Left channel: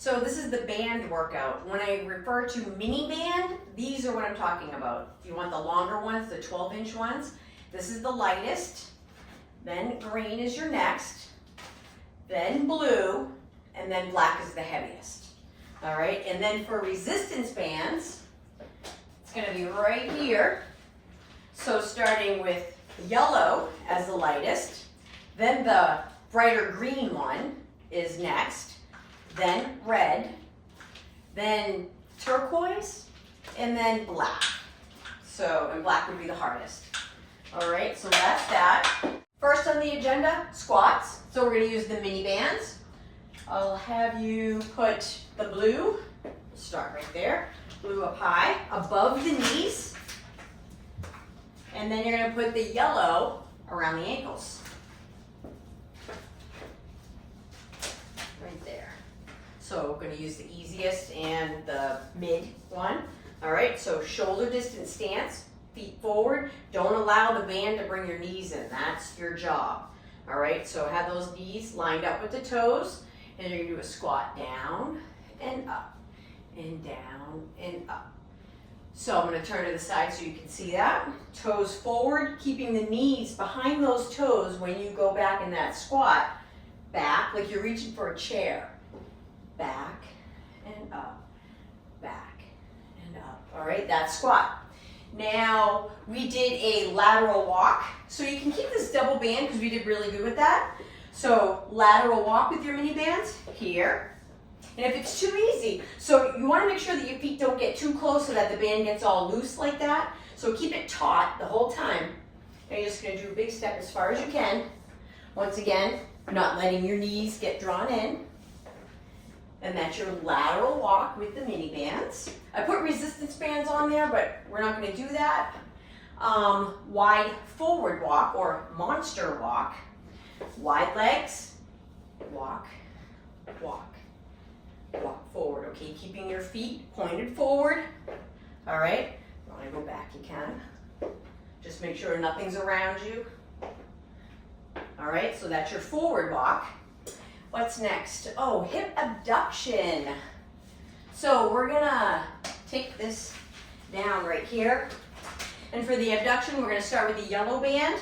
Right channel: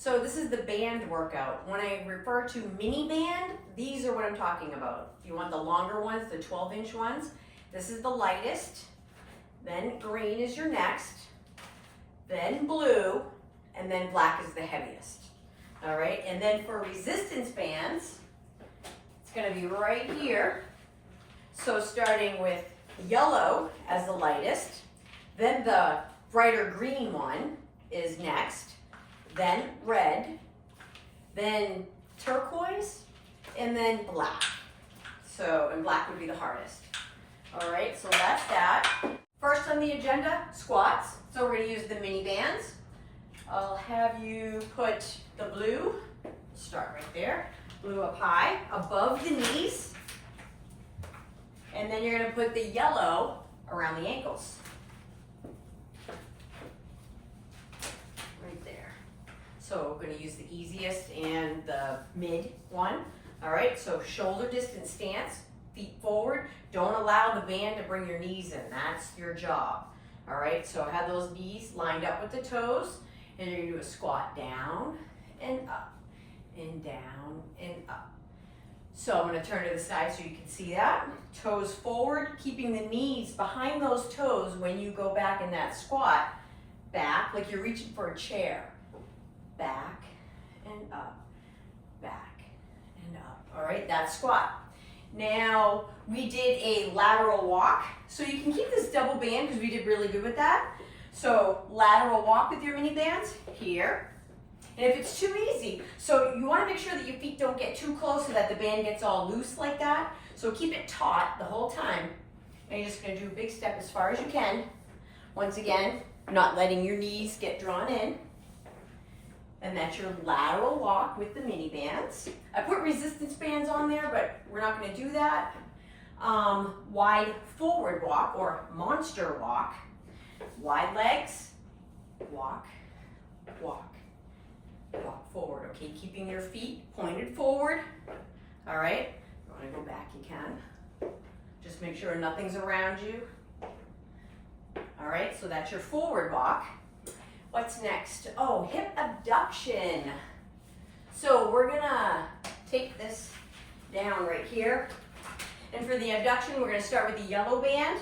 So this is the band workout. When I refer to mini band, these are what I'm talking about. If you want the longer ones, the 12-inch ones, this is the lightest. Then green is your next. Then blue, and then black is the heaviest. All right, and then for resistance bands, it's gonna be right here. So starting with yellow as the lightest, then the brighter green one is next, then red, then turquoise, and then black. So, and black would be the hardest. All right, so that's that. First on the agenda, squats. So we're gonna use the mini bands. I'll have you put the blue, start right there, blue up high, above the knees. And then you're gonna put the yellow around the ankles. Right there. So we're gonna use the easiest and the mid one. All right, so shoulder distance stance, feet forward. Don't allow the band to bring your knees in, that's your job. All right, so have those knees lined up with the toes, and you're gonna do a squat down and up, and down and up. So I'm gonna turn to the side so you can see that. Toes forward, keeping the knees behind those toes when you go back in that squat. Back, like you're reaching for a chair. Back and up, back and up. All right, that's squat. Now, we did a lateral walk. So you can keep this double band because we did really good with that. So lateral walk with your mini bands here. And if it's too easy, so you want to make sure that your feet don't get too close so that the band gets all loose like that. So keep it taut the whole time. And you're just going to do a big step as far as you can. Once again, not letting your knees get drawn in. And that's your lateral walk with the mini bands. I put resistance bands on there, but we're not going to do that. Wide forward walk or monster walk. Wide legs, walk, walk. Walk forward, okay? Keeping your feet pointed forward. All right? If you want to go back, you can. Just make sure nothing's around you. All right, so that's your forward walk. What's next? Oh, hip abduction. So we're gonna take this down right here. And for the abduction, we're gonna start with the yellow band.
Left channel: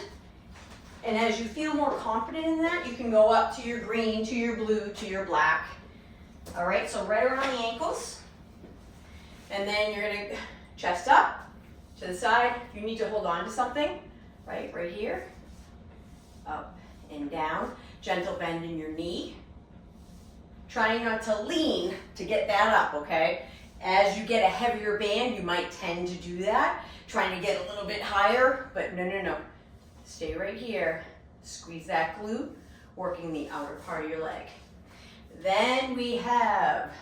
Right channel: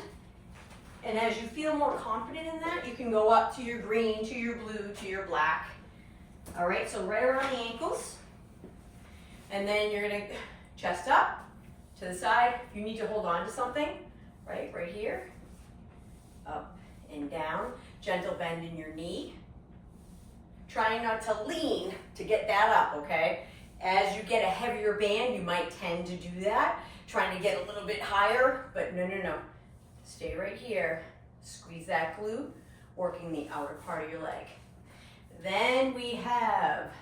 And as you feel more confident in that, you can go up to your green, to your blue, to your black. All right, so right around the ankles. And then you're gonna chest up to the side. If you need to hold on to something, right here. Up and down. Gentle bend in your knee. Trying not to lean to get that up, okay? As you get a heavier band, you might tend to do that. Trying to get a little bit higher, but no. Stay right here. Squeeze that glute, working the outer part of your leg. Then we have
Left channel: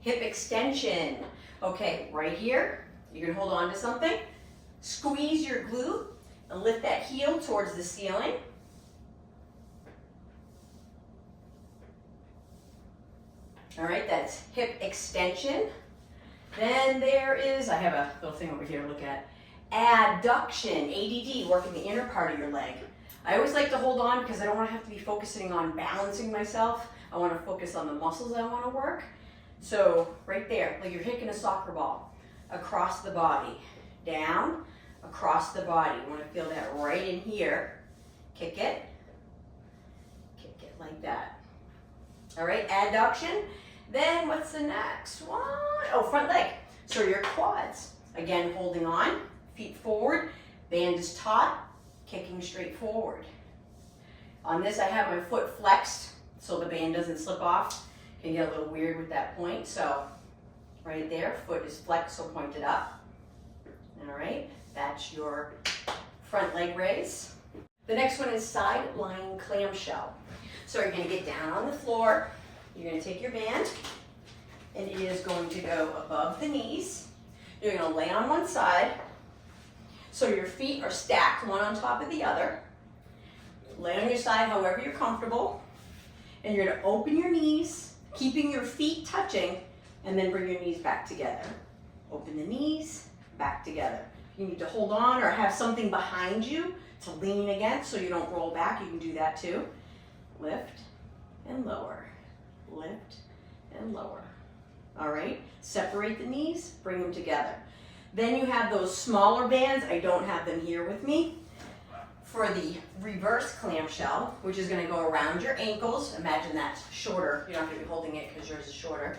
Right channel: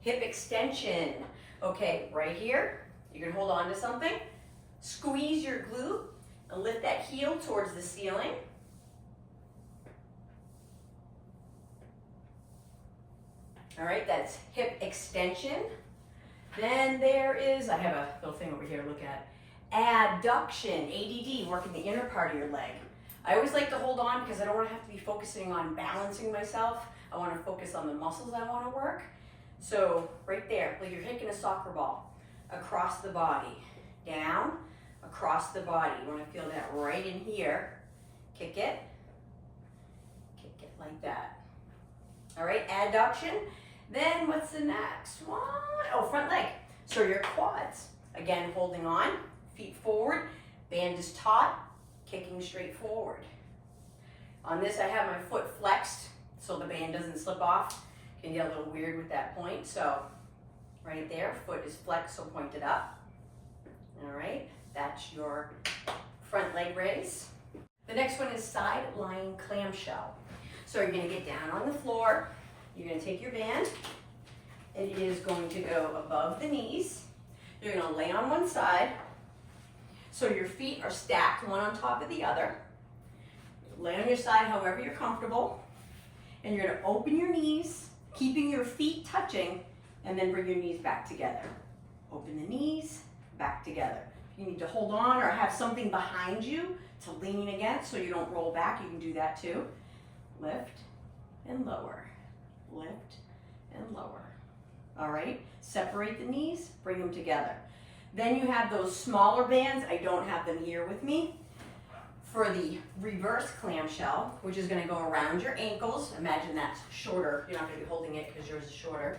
hip extension. Okay, right here, you can hold on to something. Squeeze your glute and lift that heel towards the ceiling. All right, that's hip extension. Then there is, I have a little thing over here to look at. Adduction, ADD, working the inner part of your leg. I always like to hold on because I don't want to have to be focusing on balancing myself. I want to focus on the muscles I want to work. So right there, like you're kicking a soccer ball, across the body, down, across the body. You want to feel that right in here. Kick it like that. All right, adduction. Then what's the next one? Oh, front leg. So your quads. Again, holding on, feet forward, band is taut, kicking straight forward. On this, I have my foot flexed so the band doesn't slip off. Can get a little weird with that point. So right there, foot is flexed, so point it up. All right, that's your front leg raise. The next one is side lying clamshell. So you're gonna get down on the floor. You're gonna take your band, and it is going to go above the knees. You're gonna lay on one side. So your feet are stacked one on top of the other. Lay on your side however you're comfortable. And you're gonna open your knees, keeping your feet touching, and then bring your knees back together. Open the knees, back together. You need to hold on or have something behind you to lean against so you don't roll back. You can do that too. Lift and lower, lift and lower. All right, separate the knees, bring them together. Then you have those smaller bands. I don't have them here with me. For the reverse clamshell, which is going to go around your ankles. Imagine that's shorter. You're not going to be holding it because yours is shorter.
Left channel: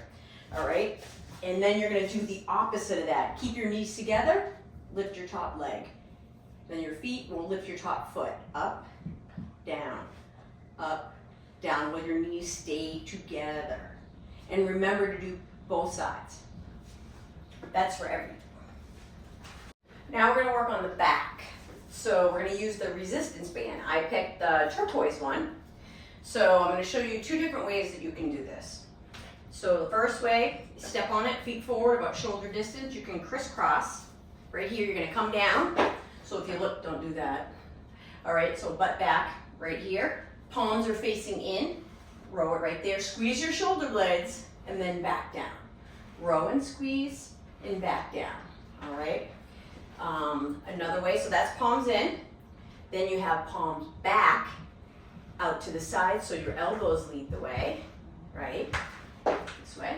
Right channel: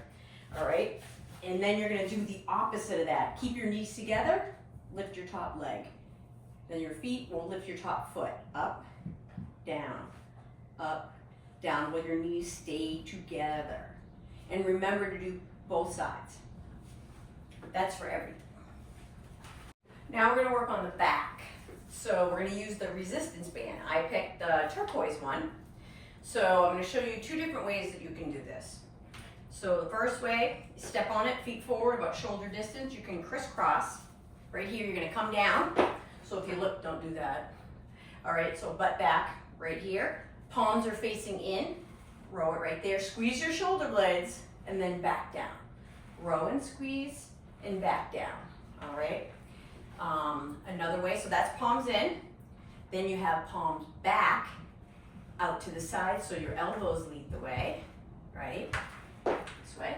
All right, and then you're going to do the opposite of that. Keep your knees together, lift your top leg. Then your feet will lift your top foot. Up, down, while your knees stay together. And remember to do both sides. That's for everything. Now we're going to work on the back. So we're going to use the resistance band. I picked the turquoise one. So I'm going to show you two different ways that you can do this. So the first way, step on it, feet forward about shoulder distance. You can crisscross. Right here, you're going to come down. So if you look, don't do that. All right, so butt back right here. Palms are facing in. Row it right there. Squeeze your shoulder blades and then back down. Row and squeeze and back down. All right. Another way, so that's palms in. Then you have palms back out to the side, so your elbows lead the way, right? This way.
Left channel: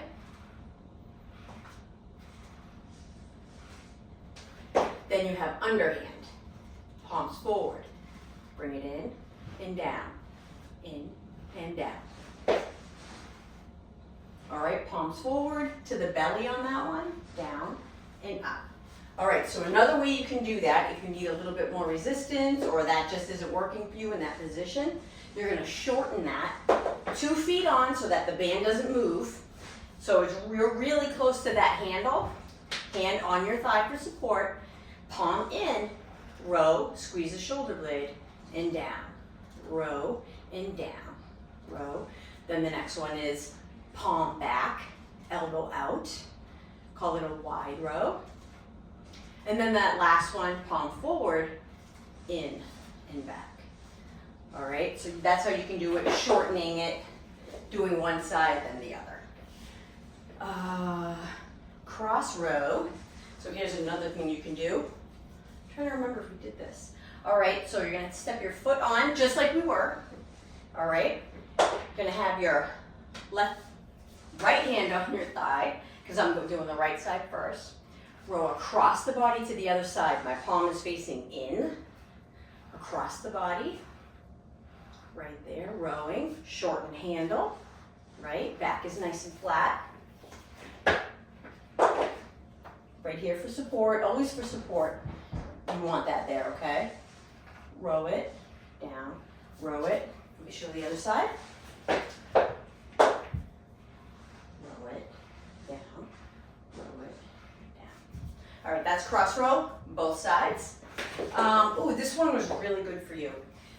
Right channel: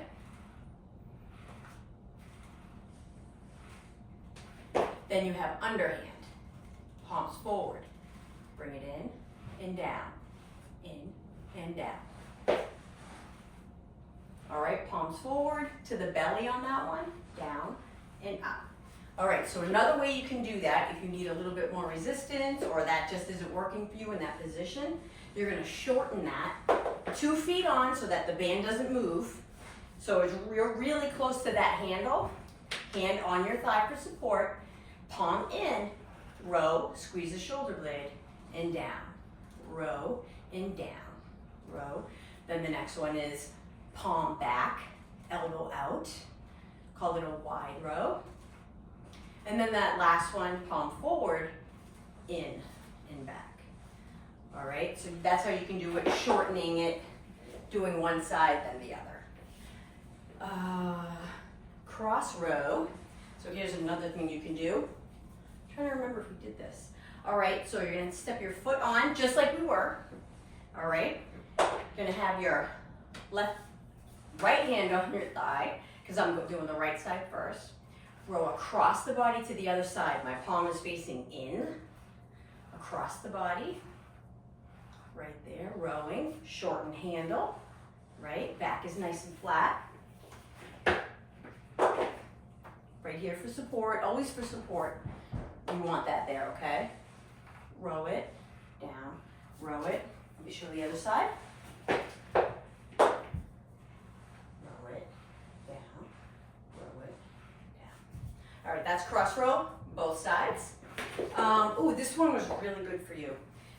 Then you have underhand. Palms forward. Bring it in and down. In and down. All right, palms forward to the belly on that one. Down and up. All right, so another way you can do that, if you need a little bit more resistance or that just isn't working for you in that position, you're gonna shorten that 2 feet on so that the band doesn't move. So you're really close to that handle, hand on your thigh for support, palm in, row, squeeze the shoulder blade, and down. Row, and down, row. Then the next one is palm back, elbow out, call it a wide row. And then that last one, palm forward, in and back. All right, so that's how you can do it, shortening it, doing one side then the other. Cross row. So here's another thing you can do. I'm trying to remember if we did this. All right, so you're gonna step your foot on just like we were. All right, you're gonna have your right hand on your thigh, because I'm doing the right side first. Row across the body to the other side. My palm is facing in, across the body, right there, rowing, shorten handle, right? Back is nice and flat. Right here for support, always for support. You want that there, okay? Row it, down, row it. Let me show the other side. All right, that's cross row, both sides. Ooh, this one was really good for you.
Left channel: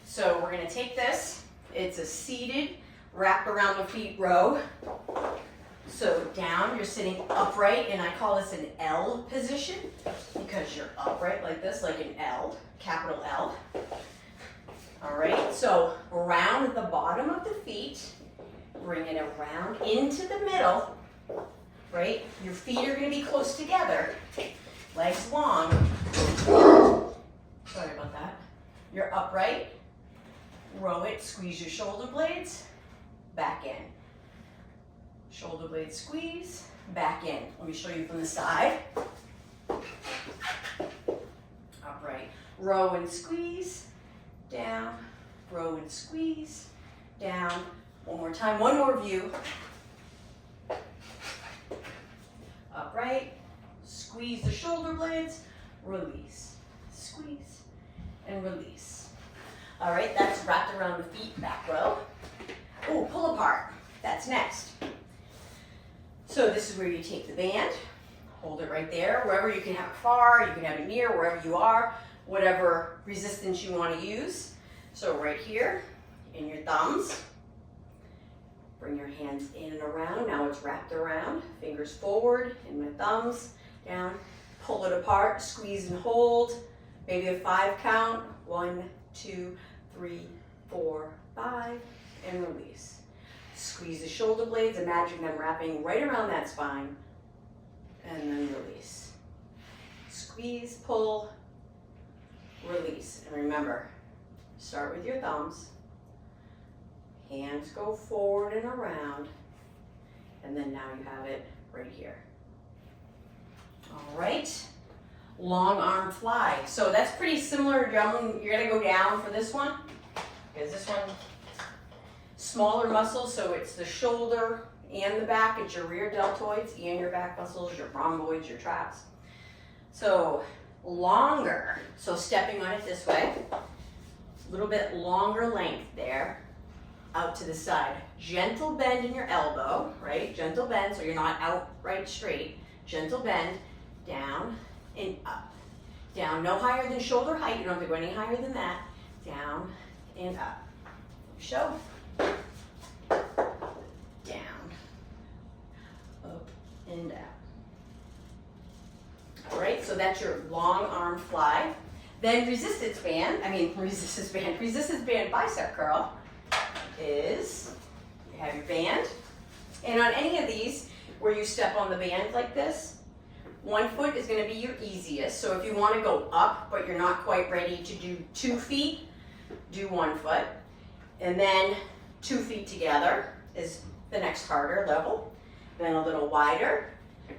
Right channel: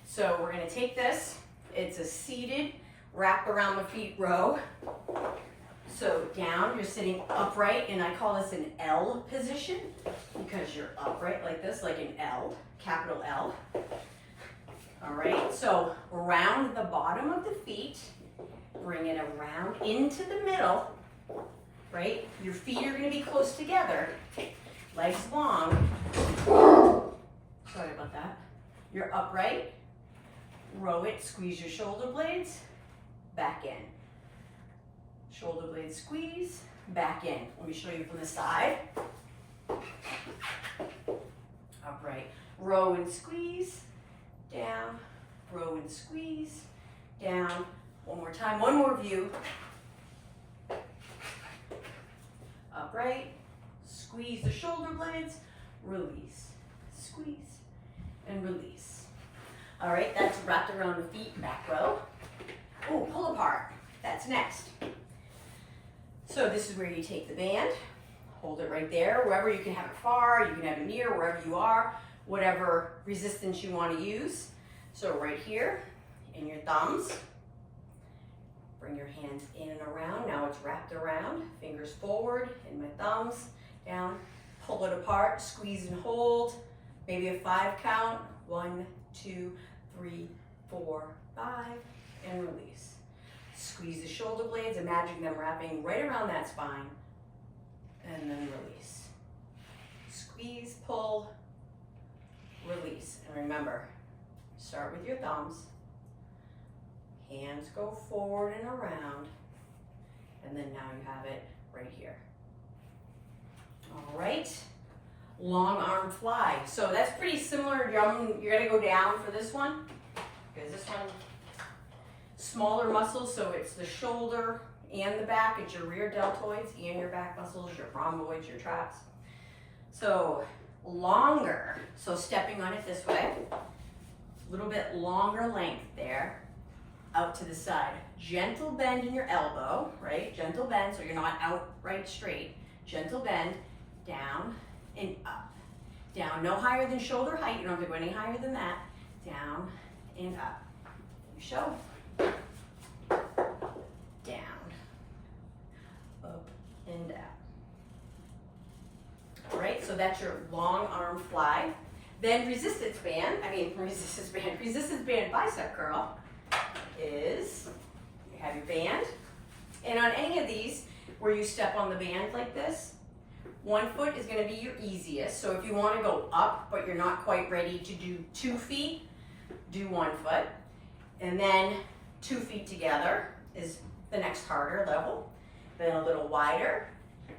So we're gonna take this, it's a seated, wrap around the feet row. So down, you're sitting upright, and I call this an L position because you're upright like this, like an L, capital L. All right, so around at the bottom of the feet, bring it around into the middle, right? Your feet are gonna be close together. Legs long. Sorry about that. You're upright. Row it. Squeeze your shoulder blades. Back in. Shoulder blades squeeze. Back in. Let me show you from the side. Upright. Row and squeeze. Down. Row and squeeze. Down. One more time. One more view. Upright. Squeeze the shoulder blades, release, squeeze, and release. All right, that's wrapped around the feet, back row. Oh, pull apart, that's next. So this is where you take the band, hold it right there, wherever you can have it far, you can have it near, wherever you are, whatever resistance you want to use. So right here, in your thumbs, bring your hands in and around. Now it's wrapped around, fingers forward, in my thumbs, down, pull it apart, squeeze and hold, maybe a 5 count, 1, 2, 3, 4, 5, and release. Squeeze the shoulder blades, imagine them wrapping right around that spine, and then release. Squeeze, pull, release. And remember, start with your thumbs, hands go forward and around, and then now you have it right here. All right, long arm fly. So that's pretty similar. You're gonna go down for this one, because this one, smaller muscles, so it's the shoulder and the back, it's your rear deltoids and your back muscles, your rhomboids, your traps. So longer, so stepping on it this way, a little bit longer length there, out to the side. Gentle bend in your elbow, right? Gentle bend, so you're not outright straight. Gentle bend, down and up. Down, no higher than shoulder height, you don't have to go any higher than that. Down and up. Show. Down, up and down. All right, so that's your long arm fly. Then resistance band bicep curl is, you have your band, and on any of these where you step on the band like this, one foot is gonna be your easiest. So if you wanna go up, but you're not quite ready to do 2 feet, do 1 foot. And then 2 feet together is the next harder level. Then a little wider,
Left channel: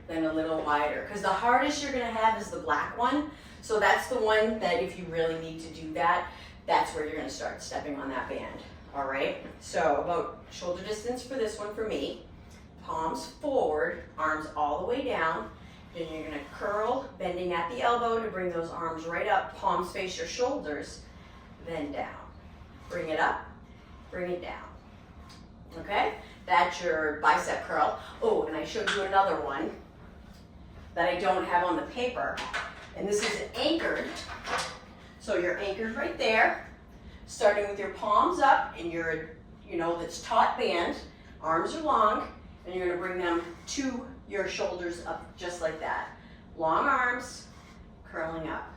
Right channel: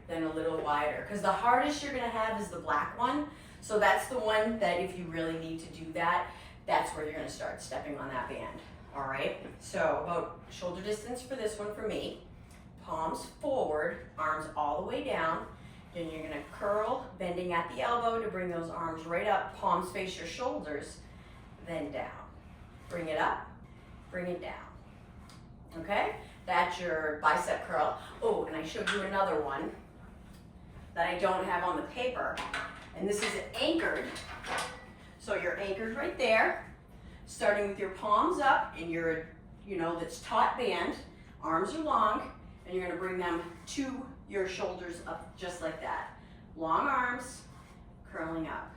then a little wider. Because the hardest you're gonna have is the black one. So that's the one that if you really need to do that, that's where you're gonna start stepping on that band. All right, so about shoulder distance for this one for me. Palms forward, arms all the way down. Then you're gonna curl, bending at the elbow to bring those arms right up. Palms face your shoulders, then down. Bring it up, bring it down. Okay, that's your bicep curl. Oh, and I showed you another one that I don't have on the paper. And this is anchored. So you're anchored right there, starting with your palms up and your, that's taut band. Arms are long, and you're gonna bring them to your shoulders up just like that. Long arms, curling up.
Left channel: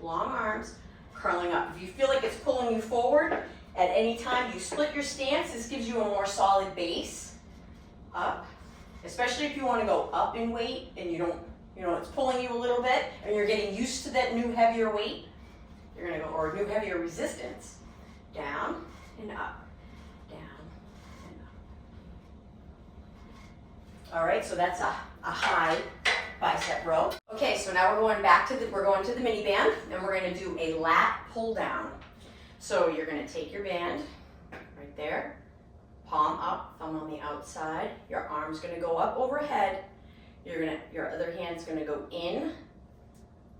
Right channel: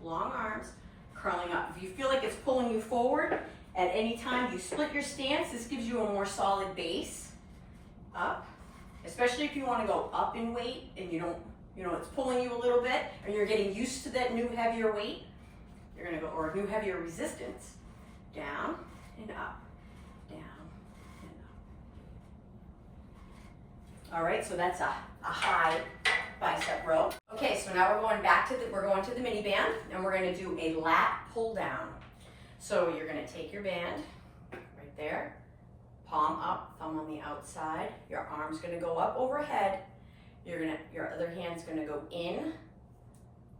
Long arms, curling up. If you feel like it's pulling you forward, at any time you split your stance, this gives you a more solid base. Up, especially if you wanna go up in weight and you don't, it's pulling you a little bit and you're getting used to that new heavier weight, you're gonna go, or new heavier resistance. Down and up, down and up. All right, so that's a high bicep row. Okay, so now we're going to the mini band, and we're gonna do a lat pull down. So you're gonna take your band right there, palm up, thumb on the outside. Your arm's gonna go up overhead. Your other hand's gonna go in,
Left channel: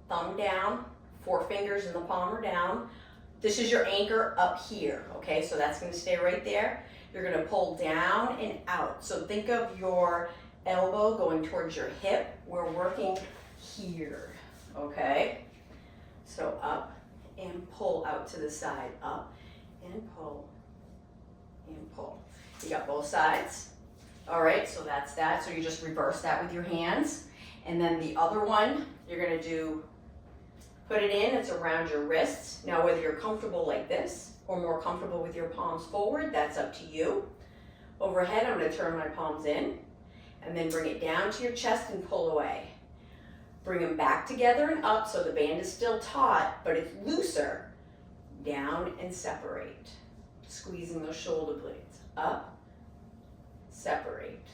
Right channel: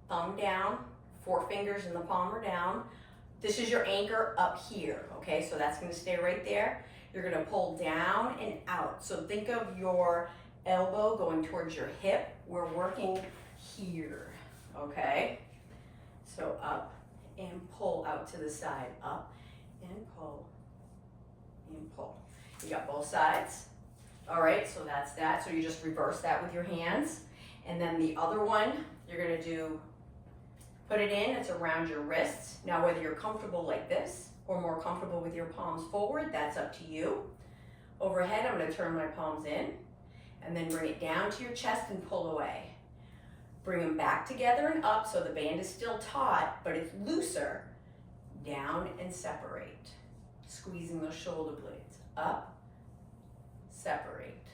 thumb down, 4 fingers in the palm are down. This is your anchor up here, okay? So that's gonna stay right there. You're gonna pull down and out. So think of your elbow going towards your hip. We're working here, okay? So up and pull out to the side, up and pull and pull. You got both sides. All right, so that's that. So you just reverse that with your hands. And then the other one, you're gonna do, put it in, it's around your wrists. Now whether you're comfortable like this or more comfortable with your palms forward, that's up to you. Overhead, I'm gonna turn my palms in and then bring it down to your chest and pull away. Bring them back together and up so the band is still taut, but it's looser. Down and separate. Squeezing those shoulder blades. Up, separate.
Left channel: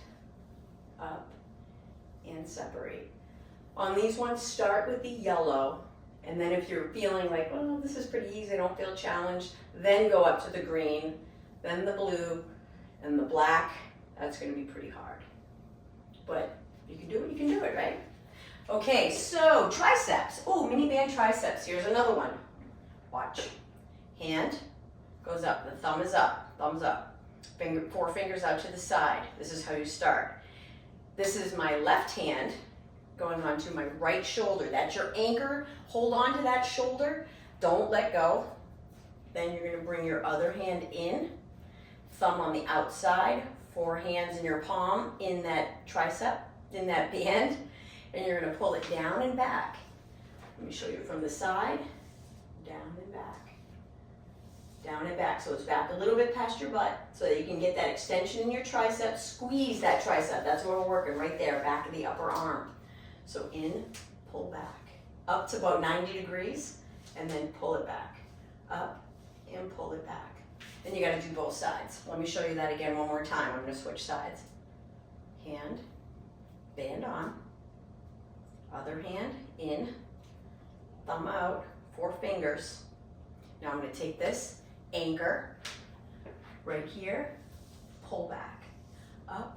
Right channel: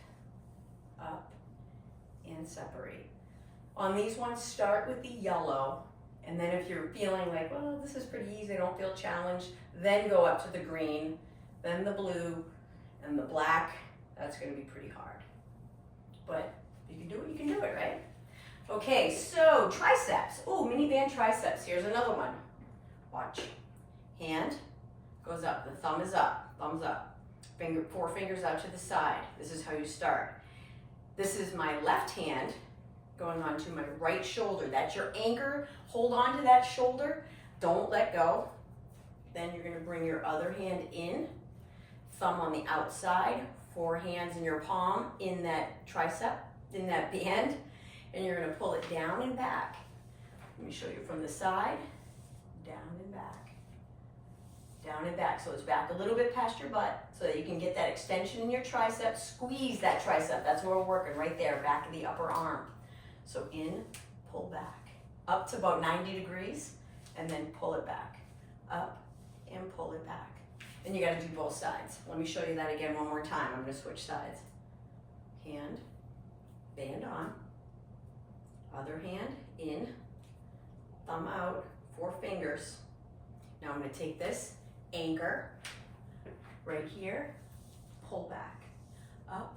Up and separate. On these ones, start with the yellow, and then if you're feeling like, well, this is pretty easy, I don't feel challenged, then go up to the green, then the blue, and the black. That's gonna be pretty hard. But if you can do it, you can do it, right? Okay, so triceps. Oh, mini band triceps. Here's another one. Watch. Hand goes up, the thumb is up, thumbs up. 4 fingers out to the side. This is how you start. This is my left hand going onto my right shoulder. That's your anchor. Hold on to that shoulder. Don't let go. Then you're gonna bring your other hand in, thumb on the outside, 4 hands in your palm in that tricep, in that band, and you're gonna pull it down and back. Let me show you from the side, down and back. Down and back, so it's back a little bit past your butt so that you can get that extension in your tricep. Squeeze that tricep, that's where we're working, right there, back of the upper arm. So in, pull back, up to about 90 degrees, and then pull it back, up and pull it back. And you gotta do both sides. Let me show you that again one more time. I'm gonna switch sides. hand, band on, other hand in, thumb out, 4 fingers. Now I'm gonna take this, anchor, right here, pull back, up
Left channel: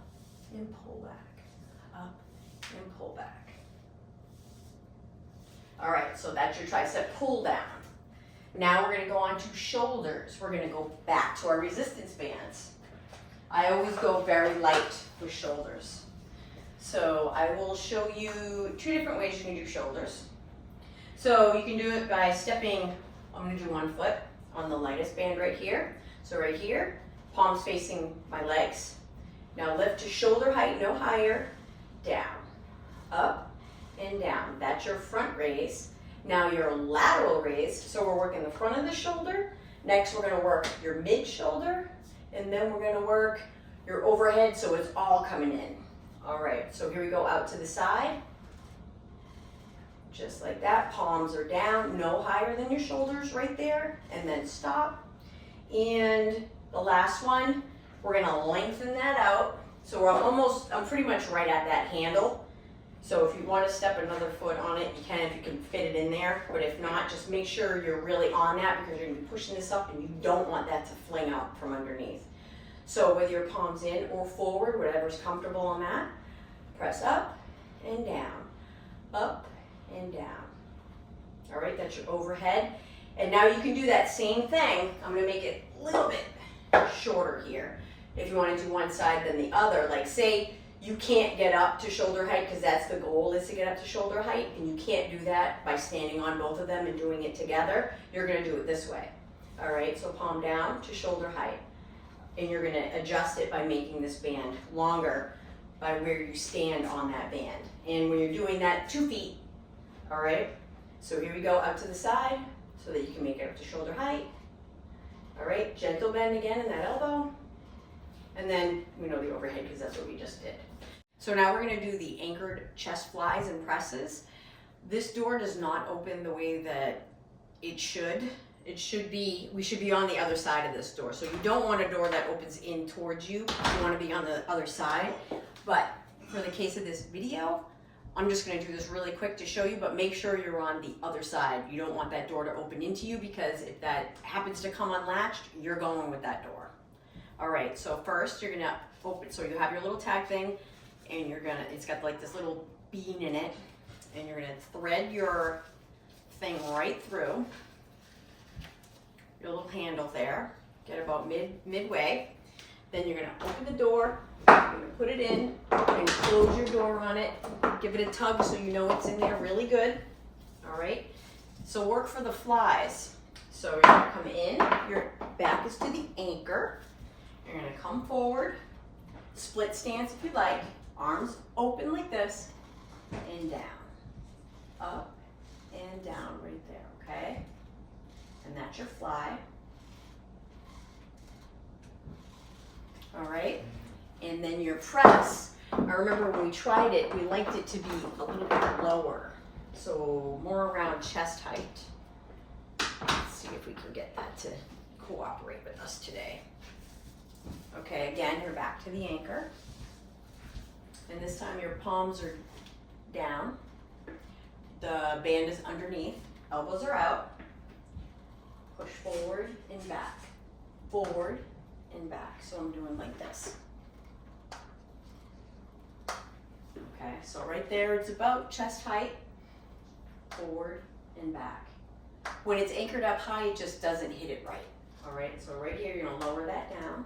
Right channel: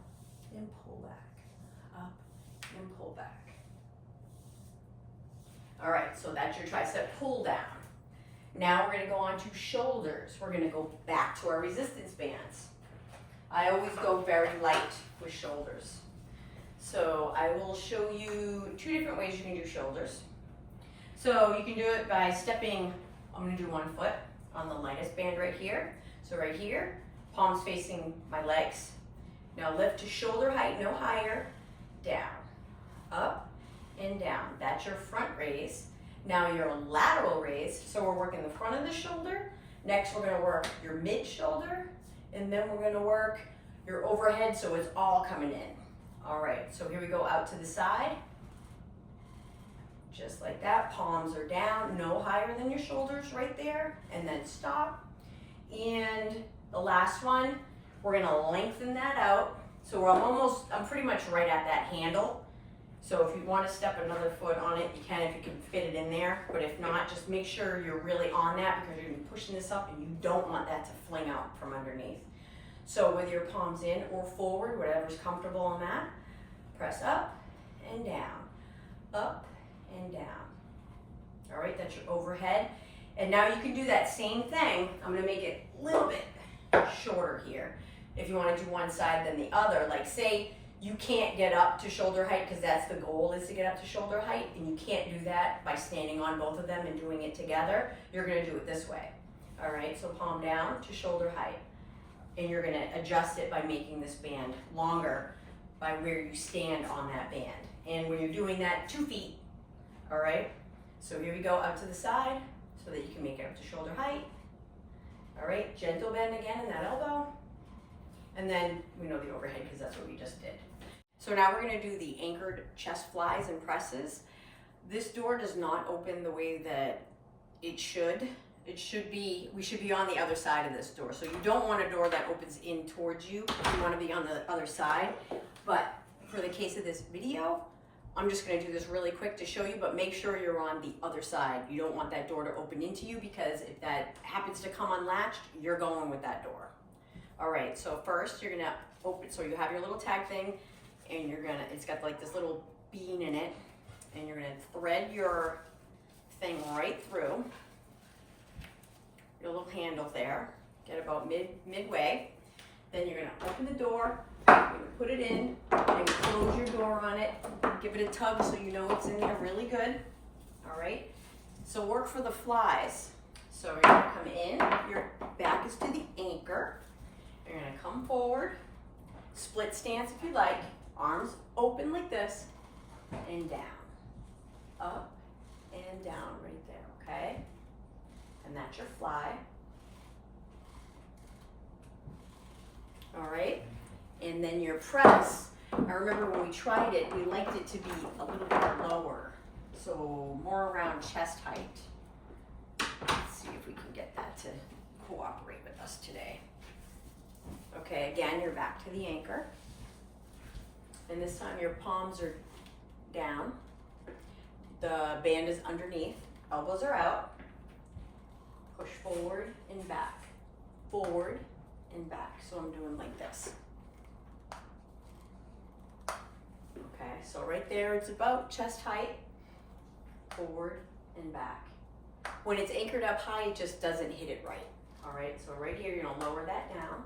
and pull back, up and pull back. All right, so that's your tricep pull down. Now we're gonna go on to shoulders. We're gonna go back to our resistance bands. I always go very light with shoulders. So I will show you 2 different ways you can do shoulders. So you can do it by stepping, I'm gonna do 1 foot on the lightest band right here. So right here, palms facing my legs. Now lift to shoulder height, no higher, down, up and down. That's your front raise. Now your lateral raise, so we're working the front of the shoulder. Next we're gonna work your mid shoulder, and then we're gonna work your overhead so it's all coming in. All right, so here we go out to the side. Just like that, palms are down, no higher than your shoulders right there, and then stop. And the last one, we're gonna lengthen that out. So I'm pretty much right at that handle. So if you wanna step another foot on it, you can if you can fit it in there. But if not, just make sure you're really on that because you're gonna be pushing this up and you don't want that to fling out from underneath. So with your palms in or forward, whatever's comfortable on that, press up and down, up and down. All right, that's your overhead. And now you can do that same thing. I'm gonna make it a little bit shorter here. If you wanna do one side then the other, like say you can't get up to shoulder height because that's the goal is to get up to shoulder height, and you can't do that by standing on both of them and doing it together. You're gonna do it this way. All right, so palm down to shoulder height. And you're gonna adjust it by making this band longer by where you stand on that band. And when you're doing that, 2 feet, all right? So here we go, out to the side so that you can make it up to shoulder height. All right, gentle bend again in that elbow. And then we know the overhead because that's what we just did. So now we're gonna do the anchored chest flies and presses. This door does not open the way that it should. We should be on the other side of this door. So you don't want a door that opens in towards you. You wanna be on the other side. But for the case of this video, I'm just gonna do this really quick to show you, but make sure you're on the other side. You don't want that door to open into you because if that happens to come unlatched, you're going with that door. All right, so first you're gonna open, so you have your little tag thing and it's got like this little bean in it, and you're gonna thread your thing right through. Your little handle there, get about midway. Then you're gonna open the door, you're gonna put it in, you're gonna close your door on it, give it a tug so you know it's in there really good. All right, so work for the flies. So you're gonna come in, your back is to the anchor. You're gonna come forward, split stance if you like, arms open like this, and down, up and down right there, okay? And that's your fly. All right, and then your press. I remember when we tried it, we liked it to be a little bit lower, so more around chest height. Let's see if we can get that to cooperate with us today. Okay, again, you're back to the anchor. And this time your palms are down. The band is underneath, elbows are out. Push forward and back, forward and back. So I'm doing like this. Okay, so right there, it's about chest height, forward and back. When it's anchored up high, it just doesn't hit it right. All right, so right here, you're gonna lower that down.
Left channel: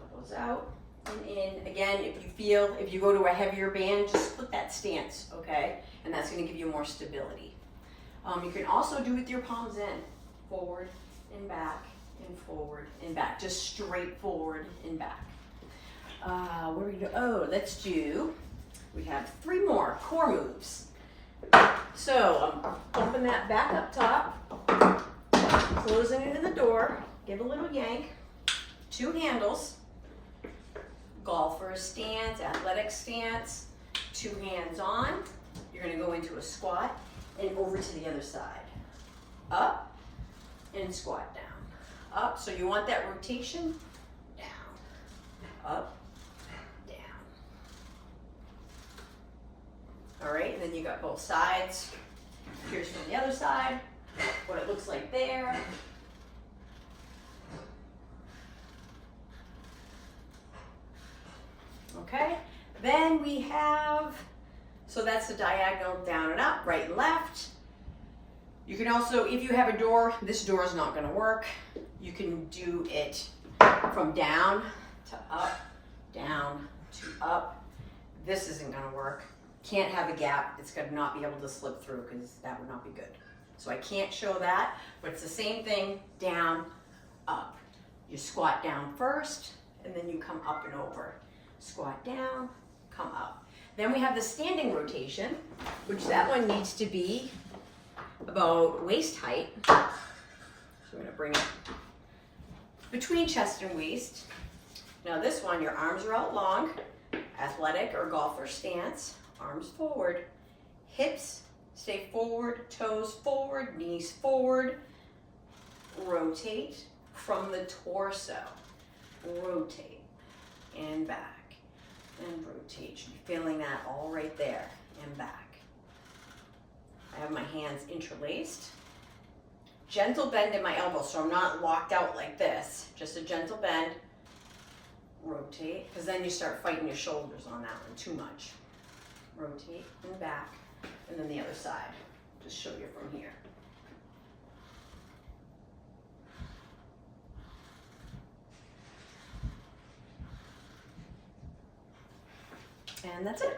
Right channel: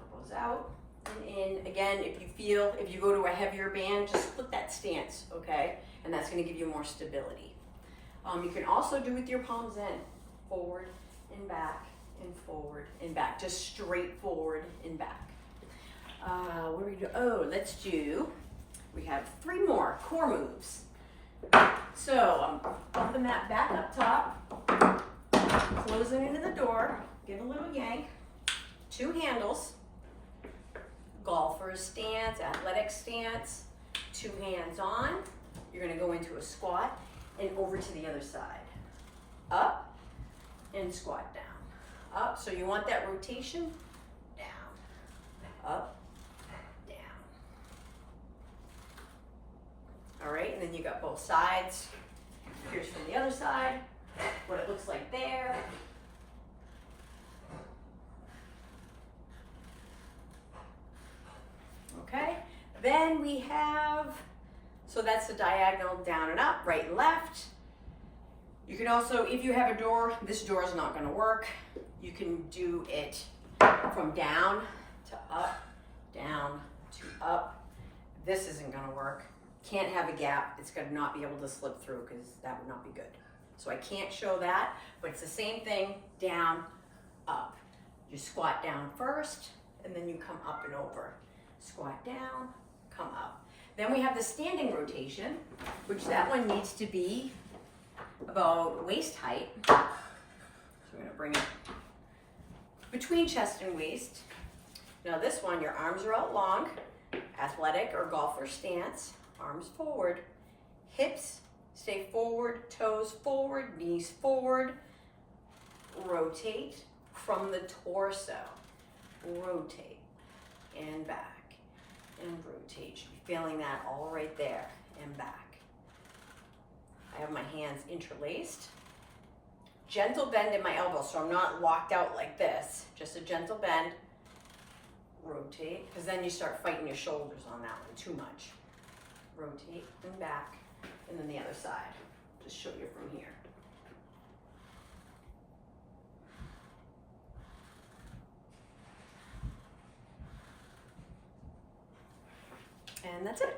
Elbows out and in. Again, if you go to a heavier band, just split that stance, okay? And that's gonna give you more stability. You can also do with your palms in, forward and back and forward and back, just straight forward and back. Where we go? Oh, we have 3 more core moves. So I'm bumping that back up top, closing into the door, give a little yank, 2 handles, golfer stance, athletic stance, 2 hands on. You're gonna go into a squat and over to the other side. Up and squat down. Up, so you want that rotation, down, up, All right, and then you got both sides. Here's from the other side, what it looks like there. Okay, then we have, so that's the diagonal down and up, right and left. You can also, if you have a door, this door is not gonna work. You can do it from down to up, down to up. This isn't gonna work. Can't have a gap. It's gonna not be able to slip through because that would not be good. So I can't show that, but it's the same thing, down, up. You squat down first, and then you come up and over. Squat down, come up. Then we have the standing rotation, which that one needs to be about waist height. So I'm gonna bring it between chest and waist. Now this one, your arms are out long, athletic or golfer stance, arms forward, hips stay forward, toes forward, knees forward, rotate from the torso, rotate and back and rotate. You should be feeling that all right there and back. I have my hands interlaced. Gentle bend in my elbow, so I'm not locked out like this, just a gentle bend. Rotate, because then you start fighting your shoulders on that one too much. Rotate and back, and then the other side. Just show you from here. And that's it.